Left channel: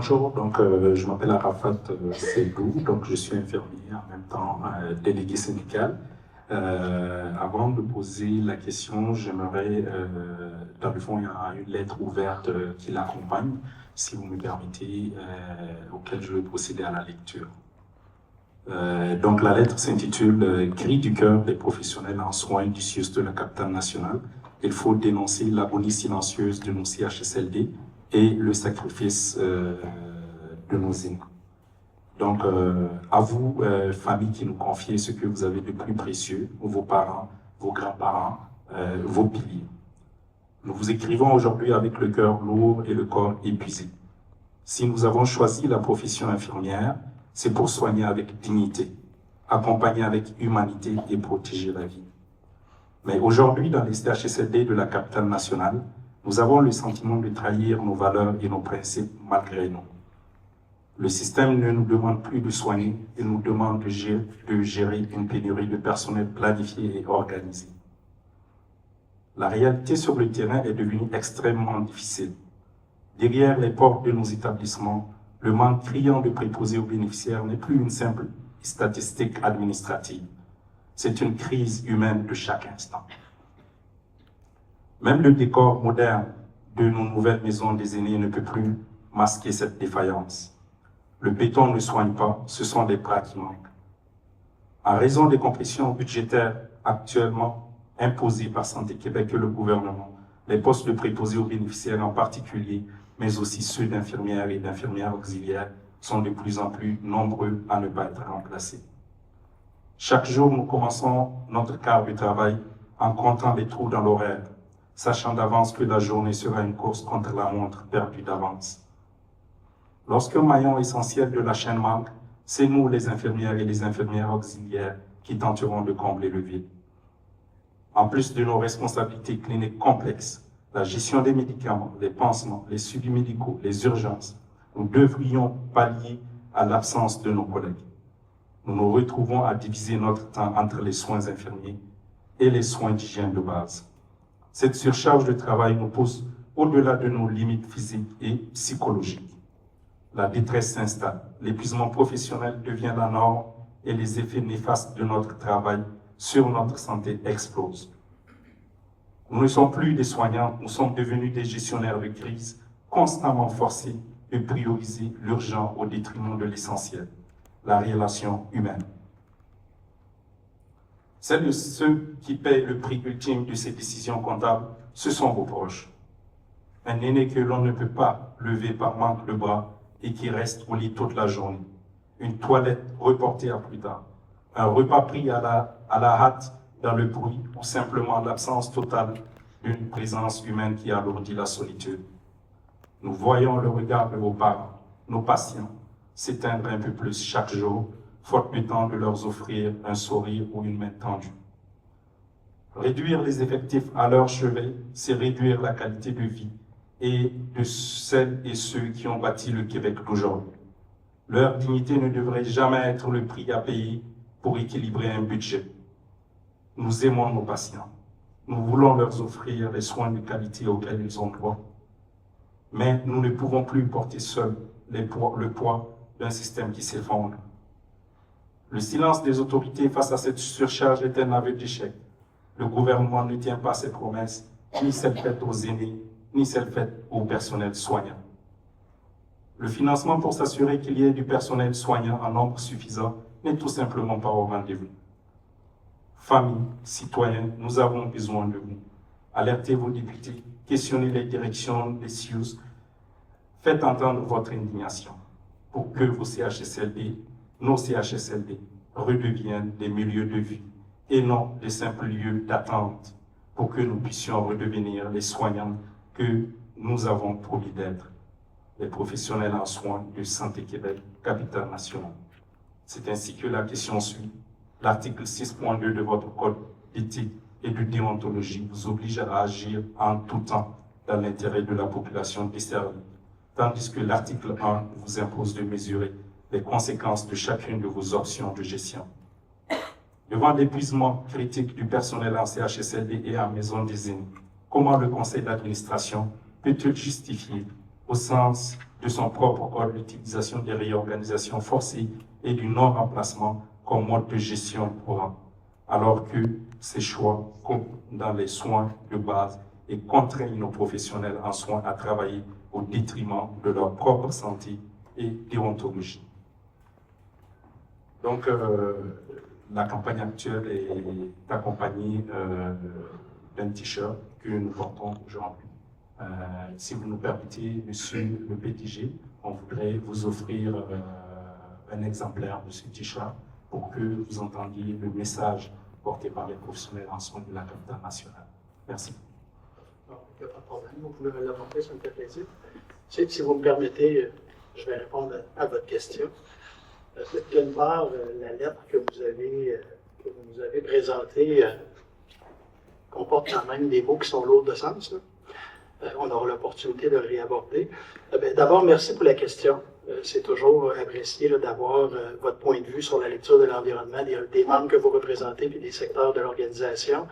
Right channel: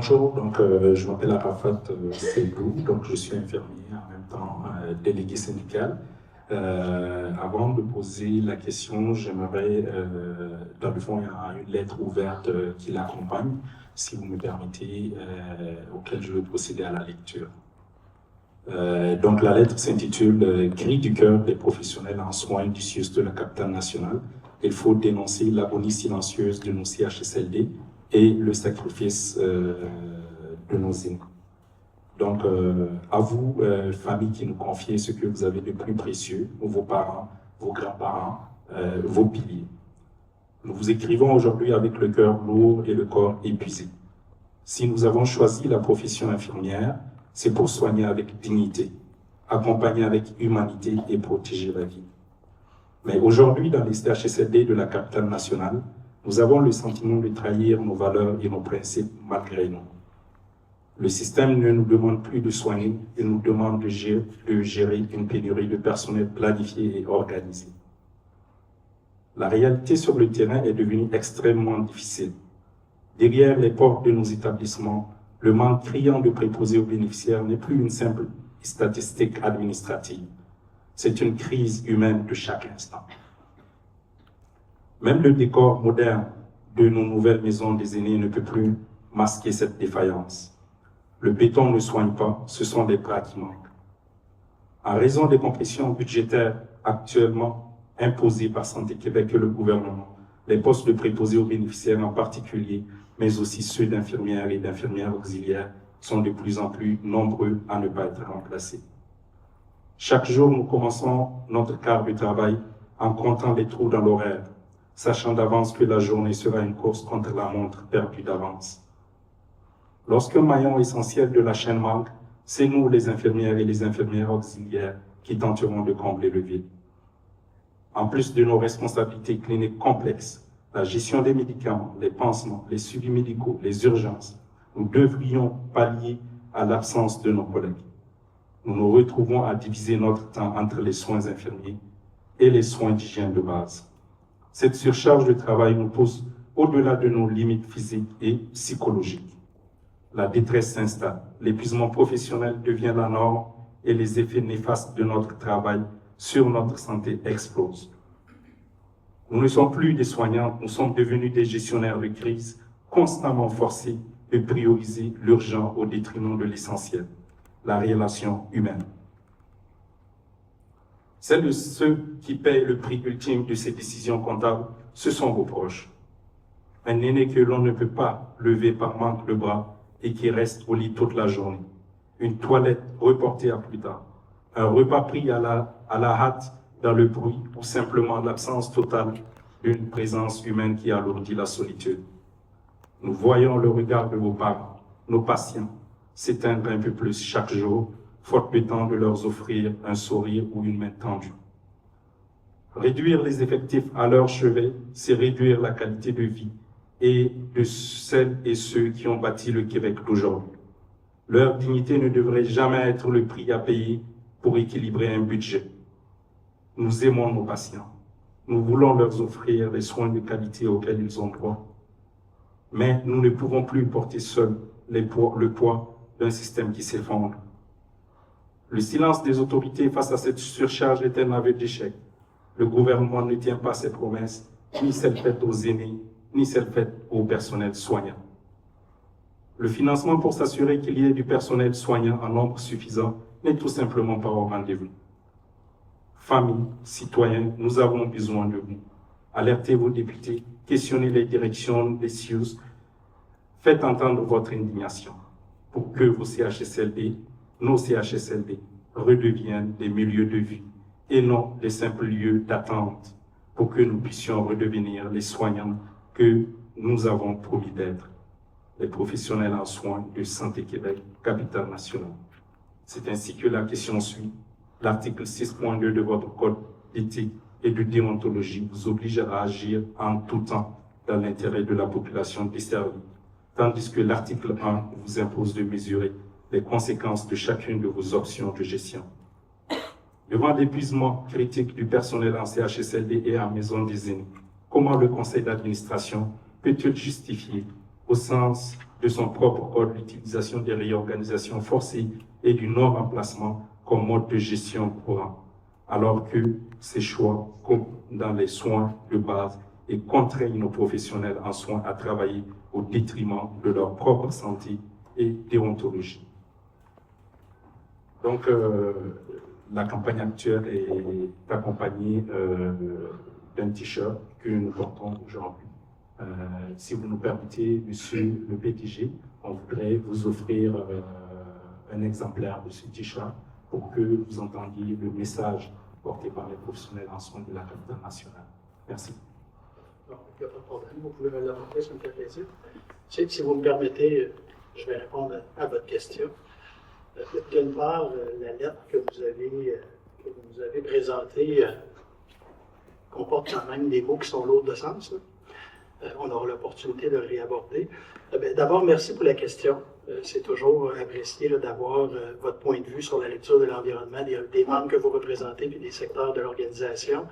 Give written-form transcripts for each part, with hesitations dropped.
Bonjour, je m'appelle Arafat Seydou, donc je suis infirmier en même temps délégué syndical. Avant de poser la question, j'aimerais, dans le fond, il y a une lettre ouverte qui l'accompagne, si vous me permettez, auquel je vais procéder à la lecture. Donc la lettre s'intitule Cri du cœur des professionnels en soins du CIUS de la capitale nationale. Il faut dénoncer l'agonie silencieuse de nos CHSLD et le sacrifice de nos aînés. Donc à vous, famille qui nous confiez ce que vous avez de plus précieux, vos parents, vos grands-parents, vos piliers. Nous vous écrivons aujourd'hui avec le cœur lourd et le corps épuisé. Si nous avons choisi la profession infirmière, c'est pour soigner avec dignité, accompagner avec humanité et protéger la vie. Mais aujourd'hui, dans les CHSLD de la capitale nationale, nous avons le sentiment de trahir nos valeurs et nos principes malgré nous. Le système ne nous demande plus de soigner, il nous demande de gérer une pénurie de personnel planifié et organisé. La réalité sur le terrain est devenue extrêmement difficile. Derrière les portes de nos établissements, le manque criant de préposés aux bénéficiaires n'est plus une simple statistique administrative. C'est une crise humaine de chaque instant. Même le décor moderne de nos nouvelles maisons des aînés ne peut plus masquer cette défaillance. Le béton ne soigne pas, ce sont les bras qui manquent. En raison des compressions budgétaires actuellement imposées par Santé Québec et le gouvernement, les postes de préposés aux bénéficiaires en particulier, mais aussi ceux d'infirmières et d'infirmières auxiliaires, sont de plus en plus nombreux à ne pas être remplacés. Chaque jour, nous commençons notre quart de travail en comptant les trous dans l'horaire, sachant d'avance que la journée sera une course contre la montre perdue d'avance. Lorsqu'un maillon essentiel de la chaîne manque, c'est nous, les infirmières et les infirmières auxiliaires, qui tenterons de combler le vide. En plus de nos responsabilités cliniques complexes, la gestion des médicaments, les pansements, les suivis médicaux, les urgences, nous devrions pallier à l'absence de nos collègues. Nous nous retrouvons à diviser notre temps entre les soins infirmiers et les soins d'hygiène de base. Cette surcharge de travail nous pousse au-delà de nos limites physiques et psychologiques. La détresse s'installe, l'épuisement professionnel devient la norme et les effets néfastes de notre travail sur notre santé explosent. Nous ne sommes plus des soignants, nous sommes devenus des gestionnaires de crise, constamment forcés de prioriser l'urgent au détriment de l'essentiel, la relation humaine. Celles de ceux qui paient le prix ultime de ces décisions comptables, ce sont vos proches. Un aîné que l'on ne peut pas lever par manque de bras et qui reste au lit toute la journée. Une toilette reportée à plus tard. Un repas pris à la hâte dans le bruit ou simplement l'absence totale d'une présence humaine qui alourdit la solitude. Nous voyons le regard de vos parents, nos patients, s'éteindre un peu plus chaque jour, faute de temps de leur offrir un sourire ou une main tendue. Réduire les effectifs à leur chevet, c'est réduire la qualité de vie et de celles et ceux qui ont bâti le Québec d'aujourd'hui. Leur dignité ne devrait jamais être le prix à payer pour équilibrer un budget. Nous aimons nos patients. Nous voulons leur offrir les soins de qualité auxquels ils ont droit. Mais nous ne pouvons plus porter seuls le poids d'un système qui s'effondre. Le silence des autorités face à cette surcharge est un aveu d'échec. Le gouvernement ne tient pas ses promesses, ni celles faites aux aînés, ni celles faites au personnel soignant. Le financement pour s'assurer qu'il y ait du personnel soignant en nombre suffisant n'est tout simplement pas au rendez-vous. Familles, citoyens, nous avons besoin de vous. Alertez vos députés, questionnez les directions des CIUS, faites entendre votre indignation pour que vos CHSLD, nos CHSLD, redeviennent des milieux de vie et non des simples lieux d'attente pour que nous puissions redevenir les soignants que nous avons promis d'être, les professionnels en soins de Santé Québec, capitale nationale. C'est ainsi que la question suit. L'article 6.2 de votre code d'éthique et de déontologie vous oblige à agir en tout temps dans l'intérêt de la population desservie, tandis que l'article 1 vous impose de mesurer les conséquences de chacune de vos options de gestion. Devant l'épuisement critique du personnel en CHSLD et en maison des aînés, comment le conseil d'administration peut-il justifier, au sens de son propre ordre l'utilisation des réorganisations forcées et du non-remplacement comme mode de gestion courant, alors que ces choix coupent dans les soins de base et contraignent nos professionnels en soins à travailler au détriment de leur propre santé et déontologie. Donc, la campagne actuelle est accompagnée d'un t-shirt que nous portons aujourd'hui. Si vous nous permettez, Monsieur le PDG, on voudrait vous offrir un exemplaire de ce t-shirt pour que vous entendiez le message porté par les professionnels en soins de la capitale nationale. Merci. Il n'y a pas de problème, vous pouvez me l'apporter, ça me fait plaisir. Si vous me permettez, je vais répondre à votre question. D'une part, la lettre que vous avez présentée comporte quand même des mots qui sont lourds de sens. On aura l'opportunité de le réaborder. D'abord, merci pour la question. C'est toujours apprécié d'avoir votre point de vue sur la lecture de l'environnement, des membres que vous représentez et des secteurs de l'organisation.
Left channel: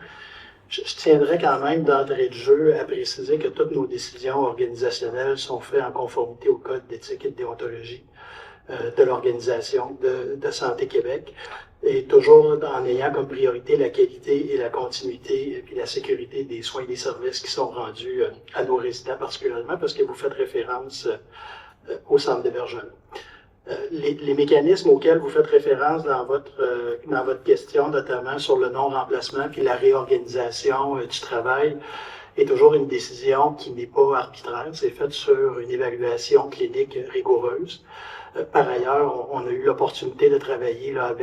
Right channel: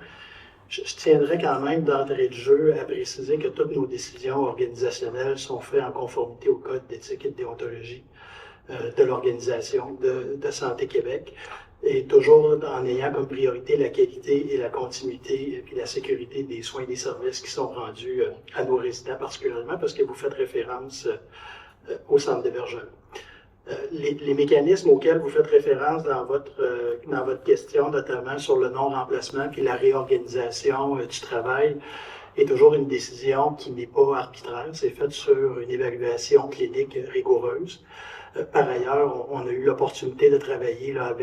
Je tiendrai quand même d'entrée de jeu à préciser que toutes nos décisions organisationnelles sont faites en conformité au Code d'éthique et de déontologie de l'Organisation de Santé Québec, et toujours en ayant comme priorité la qualité et la continuité et la sécurité des soins et des services qui sont rendus à nos résidents, particulièrement parce que vous faites référence au centre d'hébergement. Les mécanismes auxquels vous faites référence dans votre question, notamment sur le non-remplacement puis la réorganisation du travail, est toujours une décision qui n'est pas arbitraire. C'est fait sur une évaluation clinique rigoureuse. Par ailleurs, on a eu l'opportunité de travailler là,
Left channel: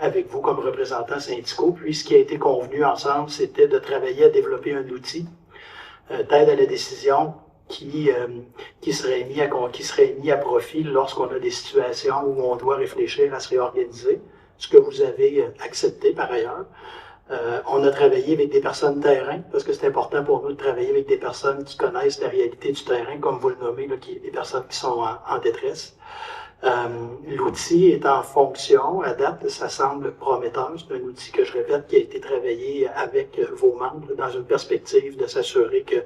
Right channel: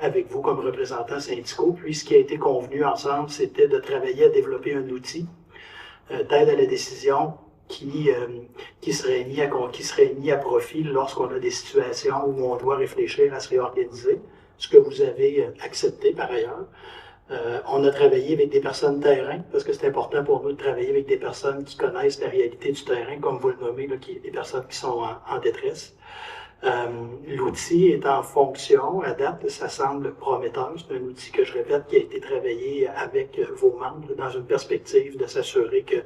avec vous comme représentants syndicaux. Puis, ce qui a été convenu ensemble, c'était de travailler à développer un outil d'aide à la décision qui serait mis à profit lorsqu'on a des situations où on doit réfléchir à se réorganiser, ce que vous avez accepté par ailleurs. On a travaillé avec des personnes de terrain, parce que c'est important pour nous de travailler avec des personnes qui connaissent la réalité du terrain, comme vous le nommez, là, des personnes qui sont en détresse. L'outil est en fonction, à date, ça semble prometteur. C'est un outil que je répète qui a été travaillé avec vos membres dans une perspective de s'assurer que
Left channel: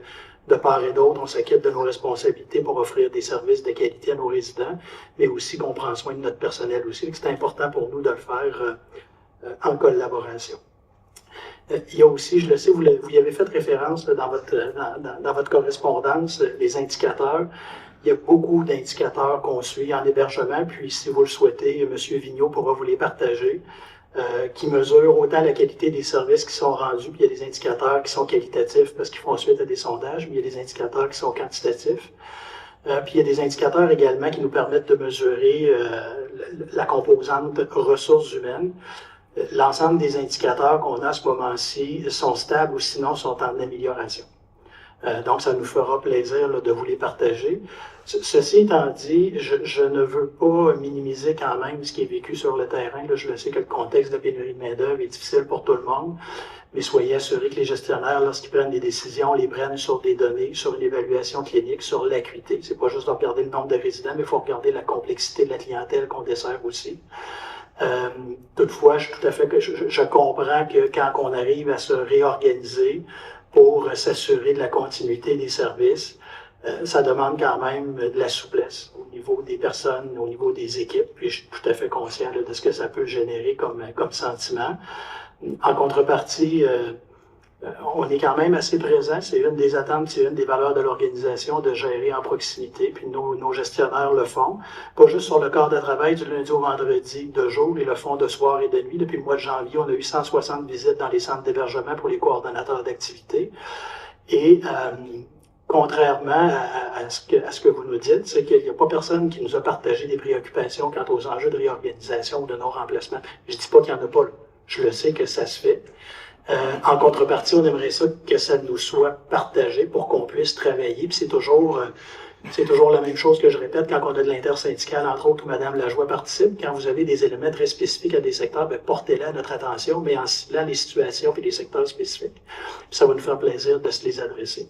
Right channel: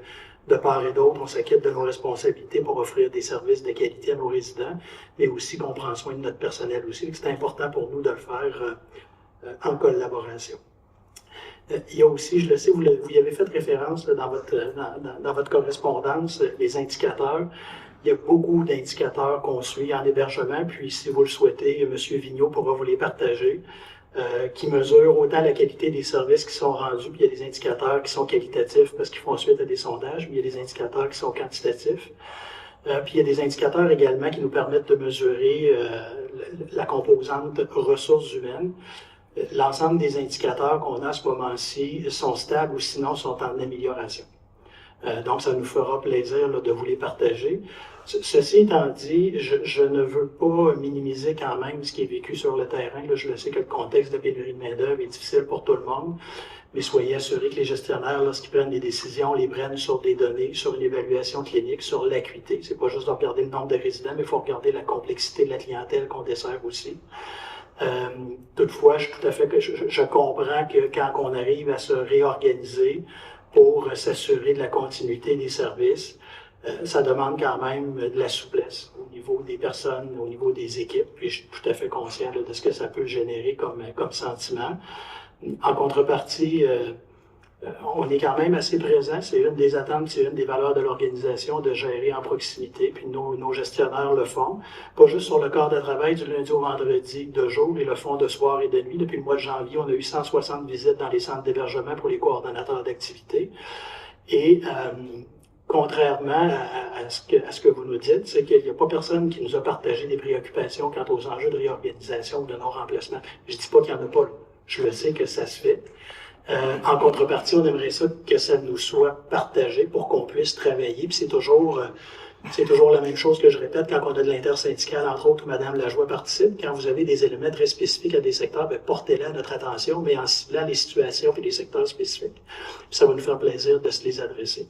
de part et d'autre, on s'acquitte de nos responsabilités pour offrir des services de qualité à nos résidents, mais aussi qu'on prend soin de notre personnel aussi. C'est important pour nous de le faire en collaboration. Il y a aussi, je le sais, vous y avez fait référence dans votre correspondance, les indicateurs. Il y a beaucoup d'indicateurs qu'on suit en hébergement, puis si vous le souhaitez, M. Vigneault pourra vous les partager, qui mesurent autant la qualité des services qui sont rendus, puis il y a des indicateurs qui sont qualitatifs parce qu'ils font suite à des sondages, mais il y a des indicateurs qui sont quantitatifs. Puis il y a des indicateurs également qui nous permettent de mesurer la composante ressources humaines. L'ensemble des indicateurs qu'on a à ce moment-ci sont stables ou sinon sont en amélioration. Donc, ça nous fera plaisir là, de vous les partager. Ceci étant dit, je ne veux pas minimiser quand même ce qui est vécu sur le terrain. Là, je le sais que le contexte de pénurie de main-d'œuvre est difficile pour tout le monde, mais soyez assurés que les gestionnaires, lorsqu'ils prennent des décisions, les prennent sur des données, sur une évaluation clinique, sur l'acuité. C'est pas juste de regarder le nombre de résidents, mais il faut regarder la complexité de la clientèle qu'on dessert aussi. Toutefois, je comprends que quand on arrive à se réorganiser pour s'assurer de la continuité des services, ça demande quand même de la souplesse au niveau des personnes, au niveau des équipes, puis je suis tout à fait conscient là, de ce que ça peut générer comme sentiment. En contrepartie, on est quand même assez présent, c'est une des attentes, c'est une des valeurs de l'organisation de gérer en proximité, puis nos gestionnaires le font, pas juste sur le corps de travail du lundi au vendredi de jour, ils le font de soir et de nuit. Depuis le mois de janvier, on a eu 160 visites dans les centres d'hébergement pour les coordonnateurs d'activité. Et contrairement à ce que vous nous dites, c'est qu'il n'y a pas personne qui nous a partagé des préoccupations quant aux enjeux de réorganisation ou de non-remplacement. Je ne dis pas qu'il n'y en a pas là. Je le sais que ça se fait. En contrepartie, on aimerait ça que ça nous soit partagé pour qu'on puisse travailler. Puis c'est toujours la même chose que je répète quand on a de l'intersyndical, entre autres, où Mme Lajoie participe. Quand vous avez des éléments très spécifiques à des secteurs, portez-les à notre attention, mais en ciblant les situations et les secteurs spécifiques. Puis ça va nous faire plaisir de se les adresser.